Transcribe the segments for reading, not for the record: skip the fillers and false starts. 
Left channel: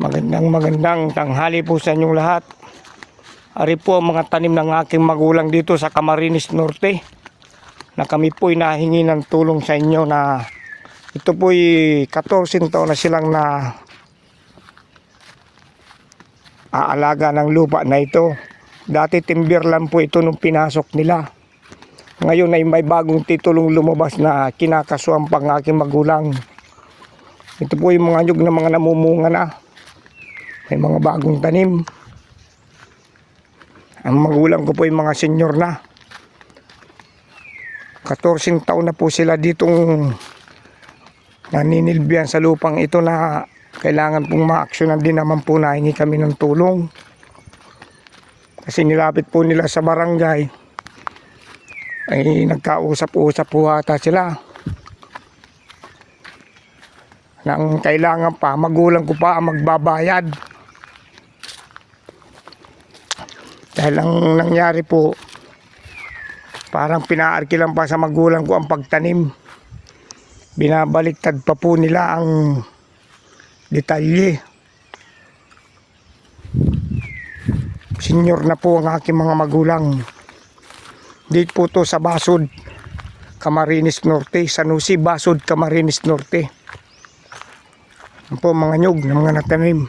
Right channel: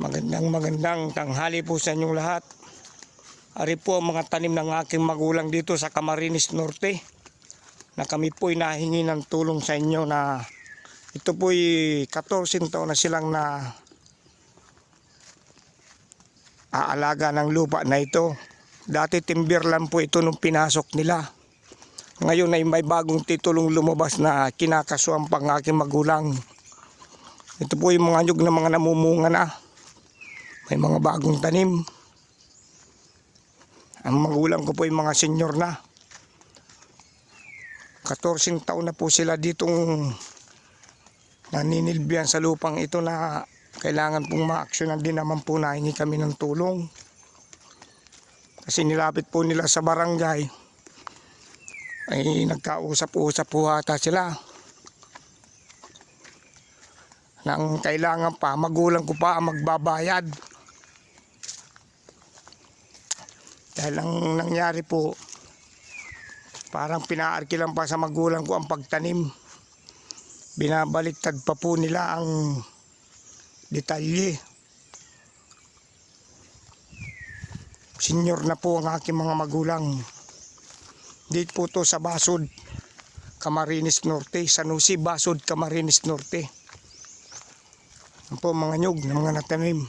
Magandang tanghali po sa inyong lahat. Ari po ang mga tanim ng aking magulang dito sa Camarines Norte, na kami po'y nahingi ng tulong sa inyo na ito po'y 14 taon na silang na aalaga ng lupa na ito. Dati timber lang po ito nung pinasok nila. Ngayon ay may bagong titulong lumabas na kinakasuhan pang aking magulang. Ito po yung mga nyug na mga namumunga na. May mga bagong tanim. Ang magulang ko po yung mga senior na. 14 taon na po sila ditong naninilbihan sa lupang ito na kailangan pong ma-aksyonan din naman po na hingi kami ng tulong. Kasi nilapit po nila sa barangay. Ay nagkausap-usap po ata sila. Nang kailangan pa, magulang ko pa ang magbabayad. Dahil ang nangyari po, parang pinaarkilan pa sa magulang ko ang pagtanim. Binabaliktad pa po nila ang detalye. Senior na po ang aking mga magulang. Dito po to sa Basod, Camarines Norte. Sanusi, Basod, Camarines Norte. Yan po mga nyug ng mga natanim.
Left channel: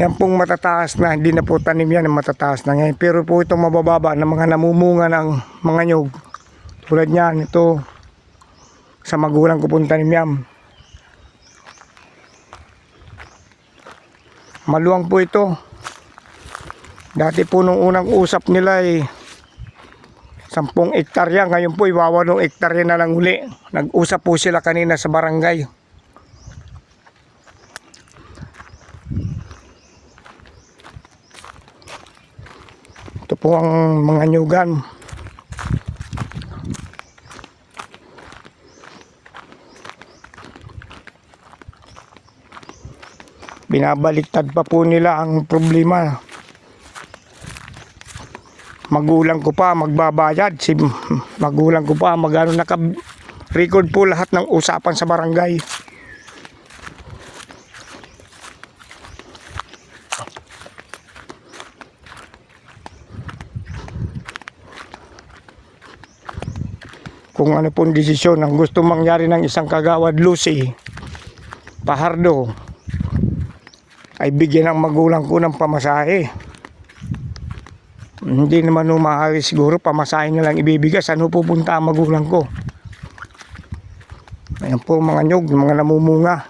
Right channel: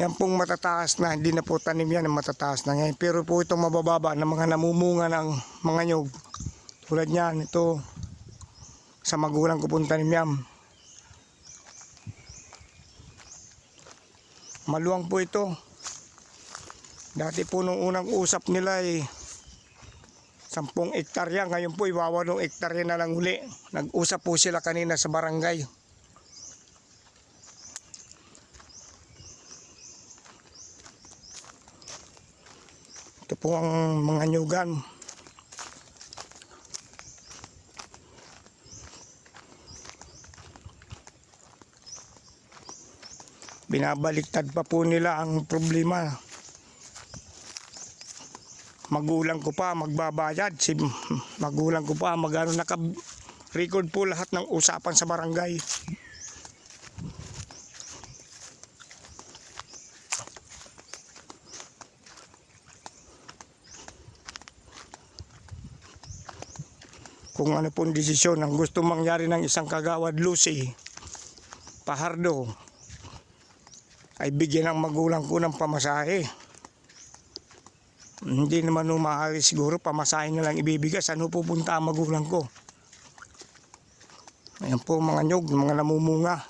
Yan pong matataas na, hindi na po tanim yan, matataas na ngayon. Pero po itong mabababa na mga namumunga ng mga nyug. Tulad niyan, ito sa magulang ko pong tanim yan. Maluwang po ito. Dati po nung unang usap nila ay 10 hektarya. Ngayon po 8 hektarya na lang uli. Nag-usap po sila kanina sa barangay. Ito po ang mga nyugan. Binabaliktad pa po nila ang problema. Magulang ko pa magbabayad. Si magulang ko pa magano, naka-record po lahat ng usapan sa barangay. Kung ano pong desisyon ang gusto mangyari ng isang kagawad Lucy Pahardo, ay bigyan ng magulang ko ng pamasahe. Hindi naman maaari siguro pamasahe na lang ibibigay. Saan pupunta ang magulang ko? Ayan po mga nyug, mga namumunga.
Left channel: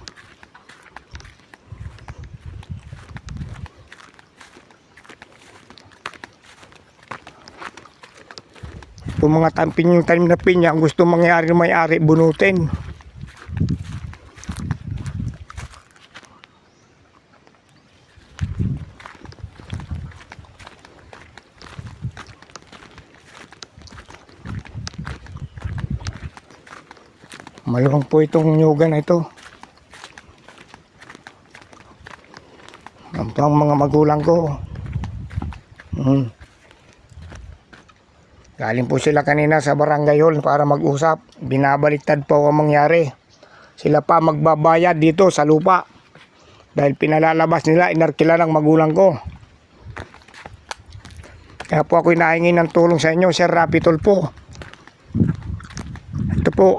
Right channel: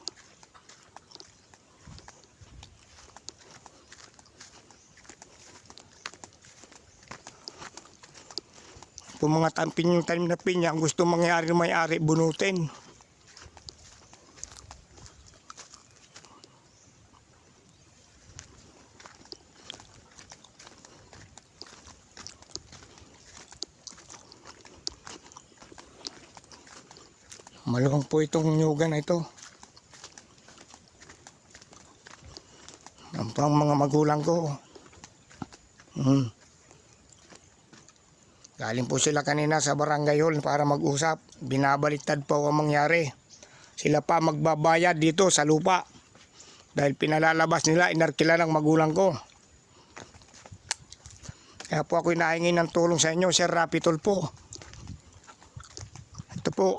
Kung mga tamping yung tanim na pinya, ang gusto mangyari ng may-ari, bunutin. Maluwang po itong nyugan na ito. Ang mga magulang ko. Galing po sila kanina sa barangay hall para mag-usap. Binabaliktad po ang mangyari. Sila pa magbabayad dito sa lupa. Dahil pinalalabas nila, inarkila ng magulang ko. Kaya po ako hinahingi ng tulong sa inyo, Sir Rapi Tulfo. Ito po,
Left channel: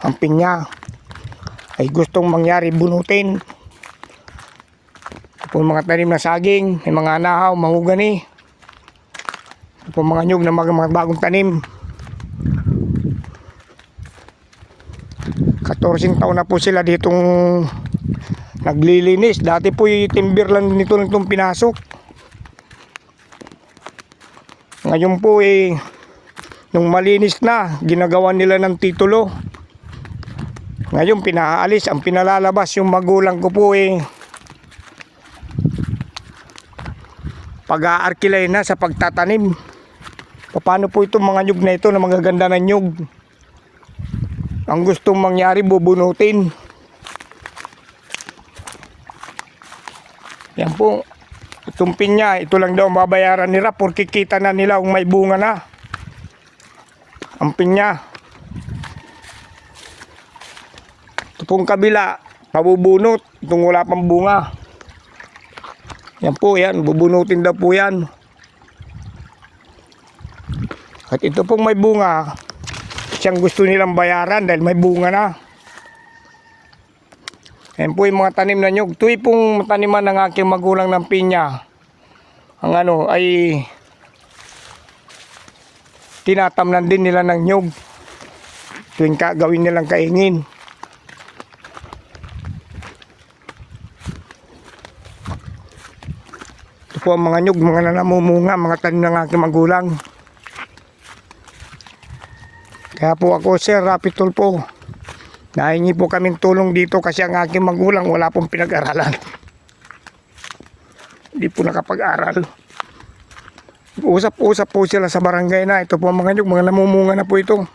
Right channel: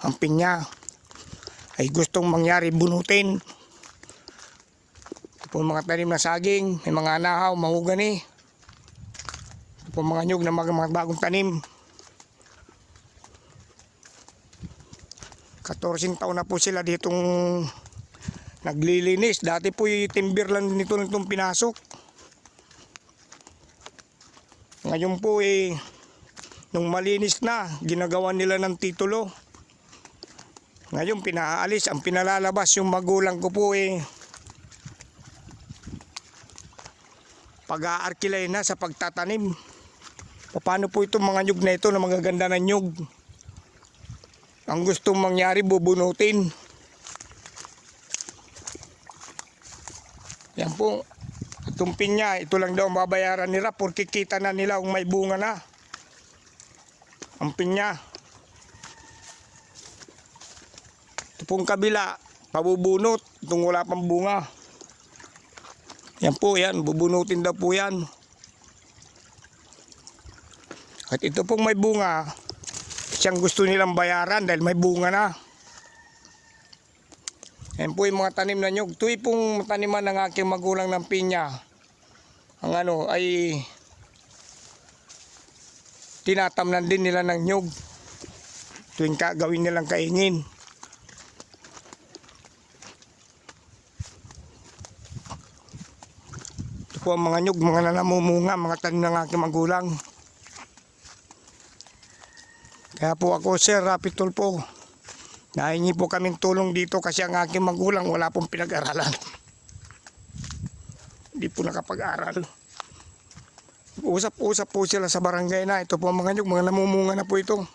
ang pinya ay gustong mangyari, bunutin. Ito po mga tanim na saging, may mga nahaw, mahugani. Ito po mga nyug na mga bagong tanim. 14 taon na po sila ditong naglilinis. Dati po yung timber lang nito itong pinasok. Ngayon po nung malinis na, ginagawa nila ng titulo. Ngayon pinaalis, ang pinalalabas yung magulang ko po pag-aarkilay na sa pagtatanim. Paano po itong mga nyug na ito na magaganda na nyug? Ang gustong mangyari, bubunutin. Yan po. Itong pinya, ito lang daw mabayaran nila porque kita na nila kung may bunga na. Ang pinya. Ito pong kabila, pabubunot itong wala pang bunga. Yan po, yan, bubunutin daw po yan. At ito pong may bunga, siyang gusto nilang bayaran dahil may bunga na. Yan po yung mga tanim na nyug. Ito pong taniman ng aking magulang ng pinya. Ang ano ay tinatamnan din nila ng nyug. Tuwing gawin nilang kaingin. Ito po ang mga nyug, mga nanamumunga, mga tanim ng aking magulang. Kaya po ako, Sir Rapi Tulfo, nahingi po kaming tulong dito kasi ang aking magulang wala pong pinag-aralan. Hindi po nakapag-aral. Usap-usap po sila sa barangay na ito po ang mga nyug, mga namumunga na po ito.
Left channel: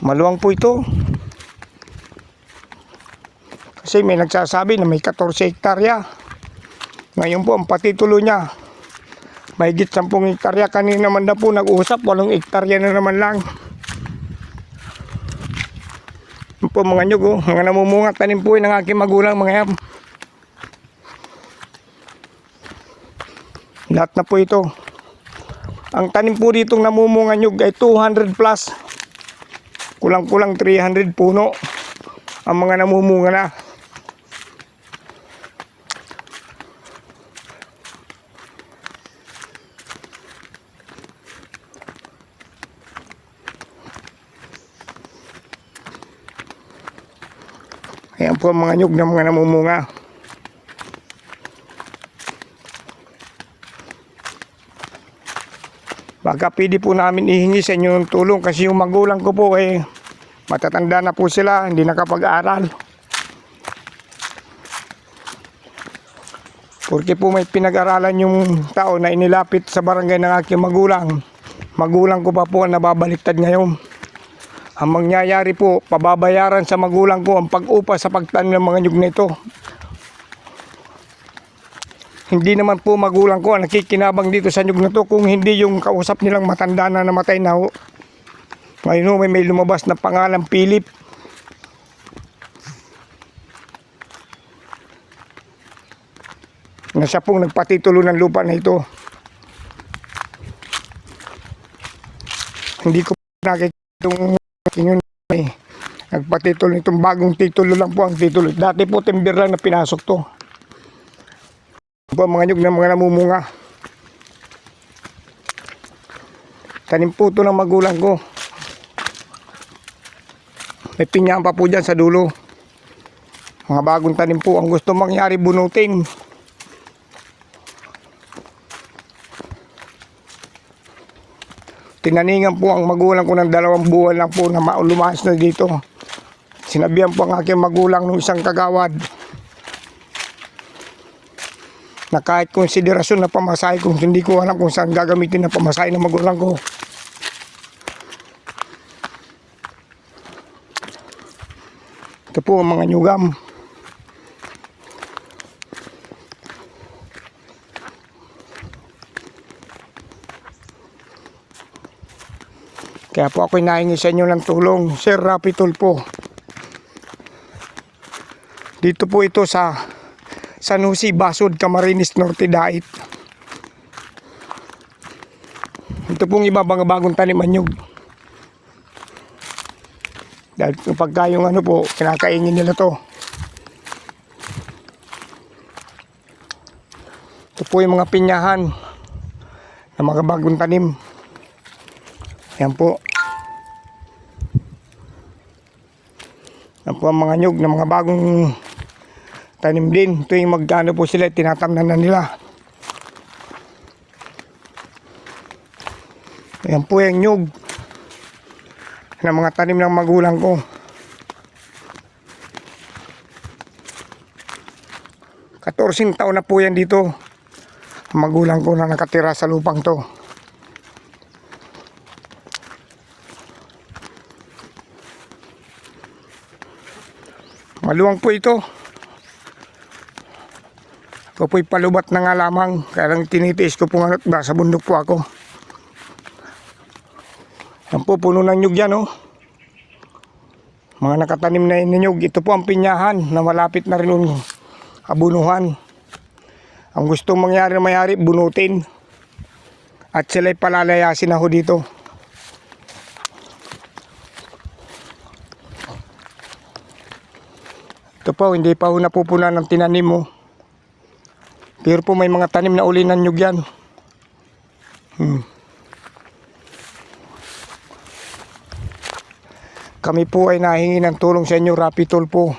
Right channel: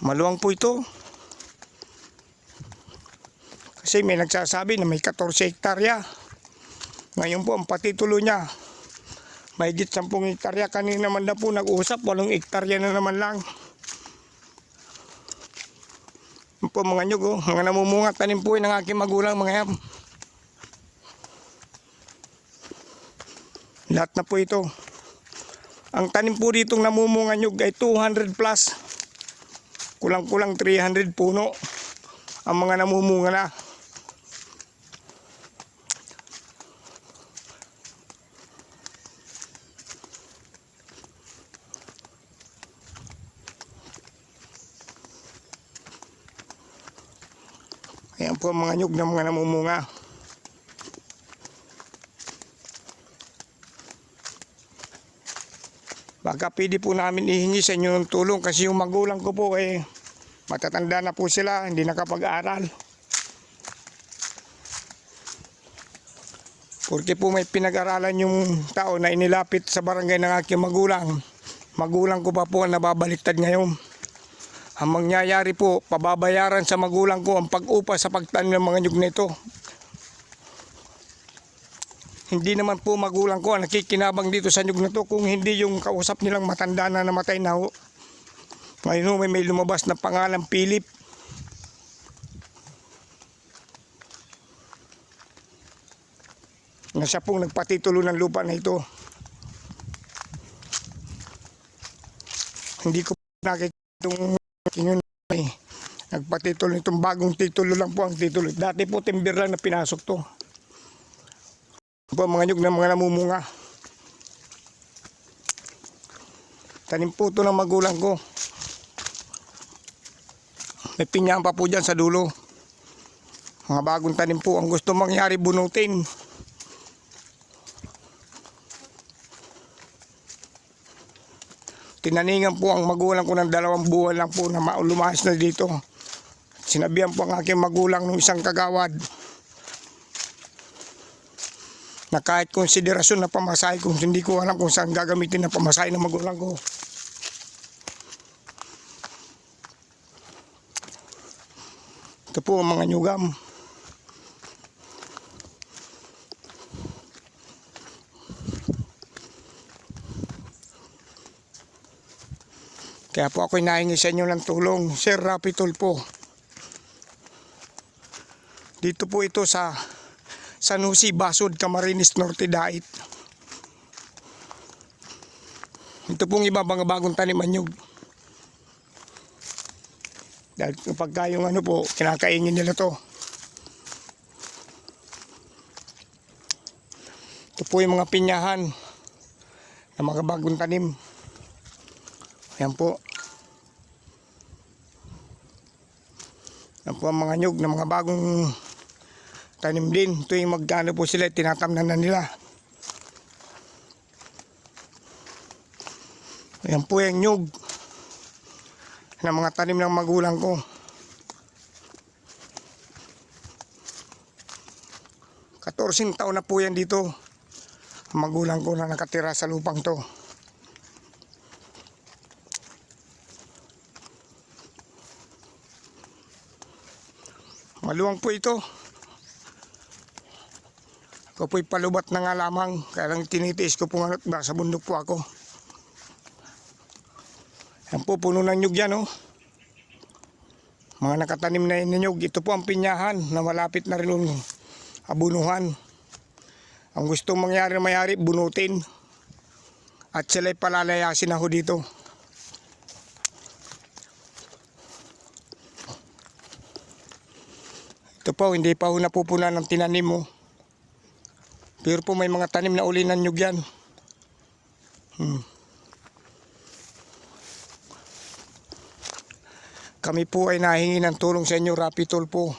Maluwang po ito. Kasi may nagsasabi na may 14 hektarya. Ngayon po ang patitulo niya, may higit 10 hektarya. Kanina naman na po nag-uusap, 8 hektarya na naman lang. Yan po mga nyug, mga namumunga tanim po ng aking magulang mga yan. Lahat na po ito. Ang tanim po ditong namumunga nyug ay 200 plus. Kulang-kulang 300 puno ang mga namumunga na. Ayan po ang mga nyug ng mga namumunga. Baka pwede po namin ihingi sa inyo ng tulong kasi yung magulang ko po matatanda na po sila, hindi nakapag-aral. Porque po may pinag-aralan yung tao na inilapit sa barangay ng aking magulang. Magulang ko pa po ang nababaliktad ngayon. Ang mangyayari po, pababayaran sa magulang ko ang pag-upa sa pagtanim ng mga nyug na ito. Hindi naman po magulang ko ang nakikinabang dito sa nyug na to kung hindi yung kausap nilang matanda na namatay na ho. Ngayon ho, may lumabas na pangalan Philip. Na siya pong nagpatitulo ng lupa na ito. Hindi ko nakikita yung yun nagpatitulo nitong bagong titulo lang po ang titulo. Dati po timber lang na pinasok to. Po mga nyug ng mga namumunga. Tanim po ito ng magulang ko. May pinyaan pa po dyan sa dulo. Mga bagong tanim po. Ang gusto mangyari bunutin. Tinaningan po ang magulang ko ng 2 buwan lang po na lumas na dito. Sinabihan po ang aking magulang ng isang kagawad na kahit konsiderasyon na pamasahe kung hindi ko alam kung saan gagamitin na pamasahe ng magulang ko. Ito po ang mga nyugam. Kaya po ako'y nahingi sa inyo ng tulong, Sir Rapi Tulfo. Dito po ito sa San Jose, Basod, Camarines Norte, Dait. Ito pong iba mga bagong taniman nyug. Dahil pagka yung ano po, kinakaingin nila to. Ito po yung mga pinyahan ng mga bagong tanim. Yan po. Yan po ang mga nyug ng mga bagong tanim din. Ito yung magkano po sila, tinatamnan na nila. Yan po yung nyug ng mga tanim ng magulang ko. Katorsing taon na po yan dito. Ang magulang ko na nakatira sa lupang to. Maluwang po ito. Ako po'y palubat na nga lamang. Kaya lang tinitiis ko po nga sa bundok po ako. Yan po, puno ng nyug yan, oh. Mga nakatanim na ninyog. Ito po ang pinyahan na malapit na rin yung abunuhan. Ang gustong mangyari mayari, bunutin. At sila'y palalayasin ako dito. Ito po, hindi pa ho napupunan ng tinanim mo. Pero po may mga tanim na uli ng nyug yan. Kami po ay nahingi ng tulong sa inyo, Rapitol po.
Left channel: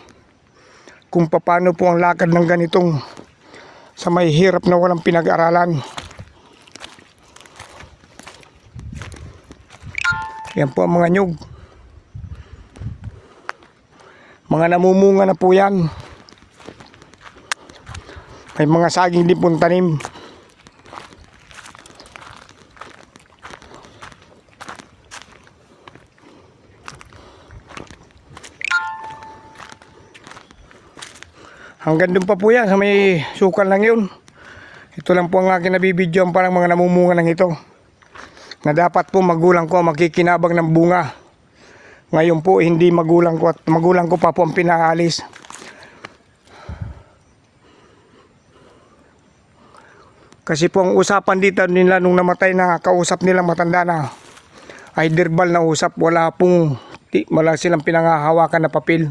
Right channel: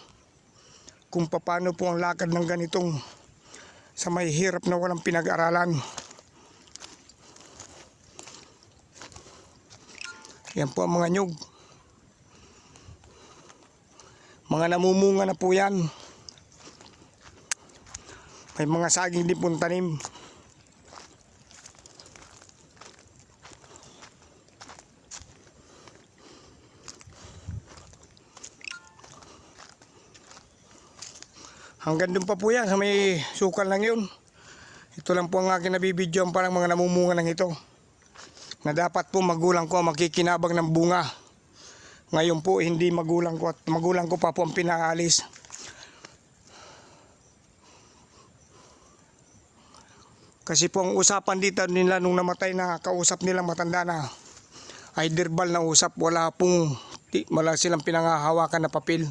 Kung paano po ang lakad ng ganitong sa may hirap na walang pinag-aralan. Yan po ang mga nyug. Mga namumunga na po yan. May mga saging din pong tanim. Hanggang doon pa po yan sa may sukal lang yun. Ito lang po ang aking nabibidyo ang parang mga namumunga ng ito. Na dapat po magulang ko makikinabang ng bunga. Ngayon po hindi magulang ko at magulang ko pa po ang pinaalis. Kasi po ang usapan dito nila nung namatay na kausap nila matanda na ay verbal na usap, wala silang pinangahawakan na papel.